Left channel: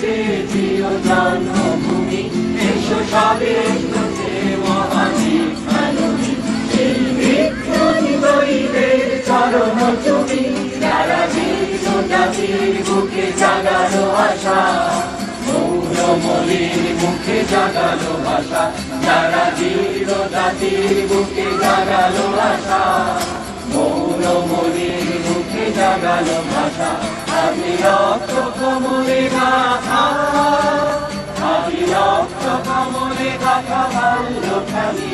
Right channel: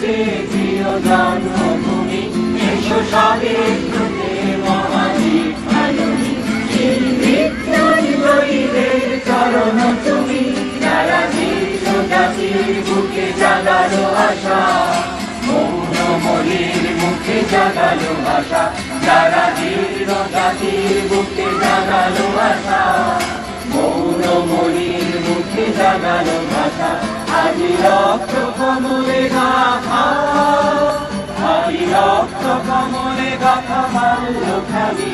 যে প্রিয় জন্মভূমি এসো স্বামীর মহাজি চরণ তুমি যারা চির বুকে জাগালো আশা মৌনময়ের মুখে জাগালো আশা আজি রক্ত কমলে গাথা আজি রক্ত কমলে গাথা খালি